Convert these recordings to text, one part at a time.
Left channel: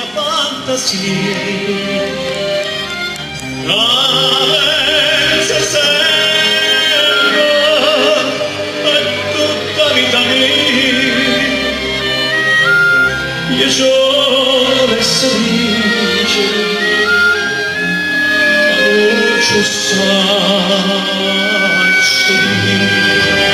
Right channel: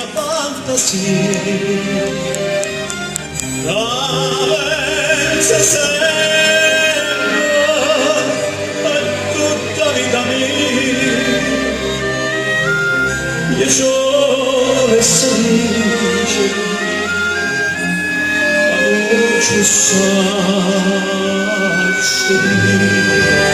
mia fantasia senza serva è tutta vita mia io sono e sorrice ma voce sai sorrire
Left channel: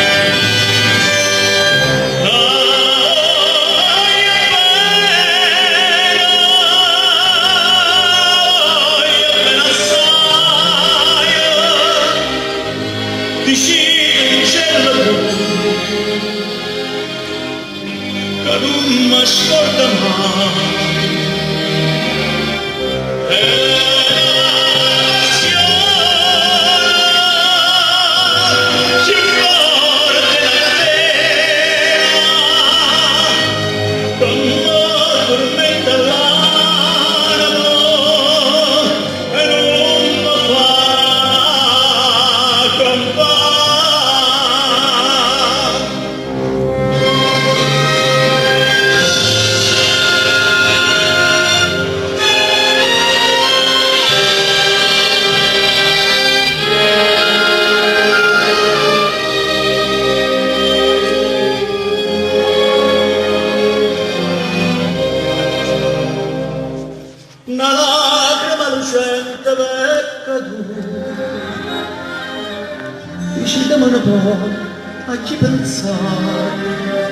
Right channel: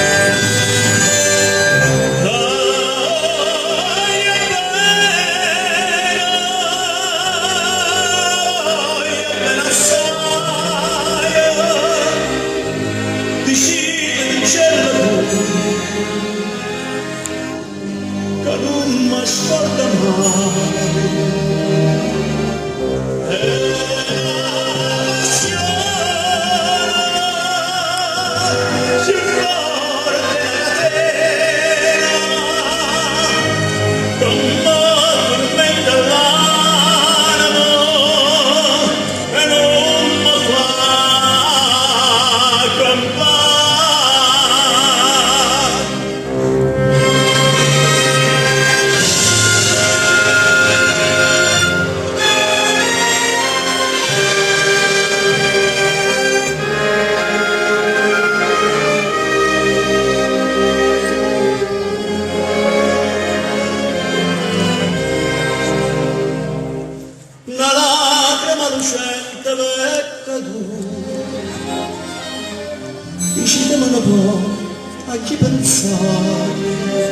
che non mi ascolta mai è l'azione più forte della catena che mi tormenta l'animo e non mi fa campare. Una lacrima lucente è caduta, uscita me ne può a chi pensare.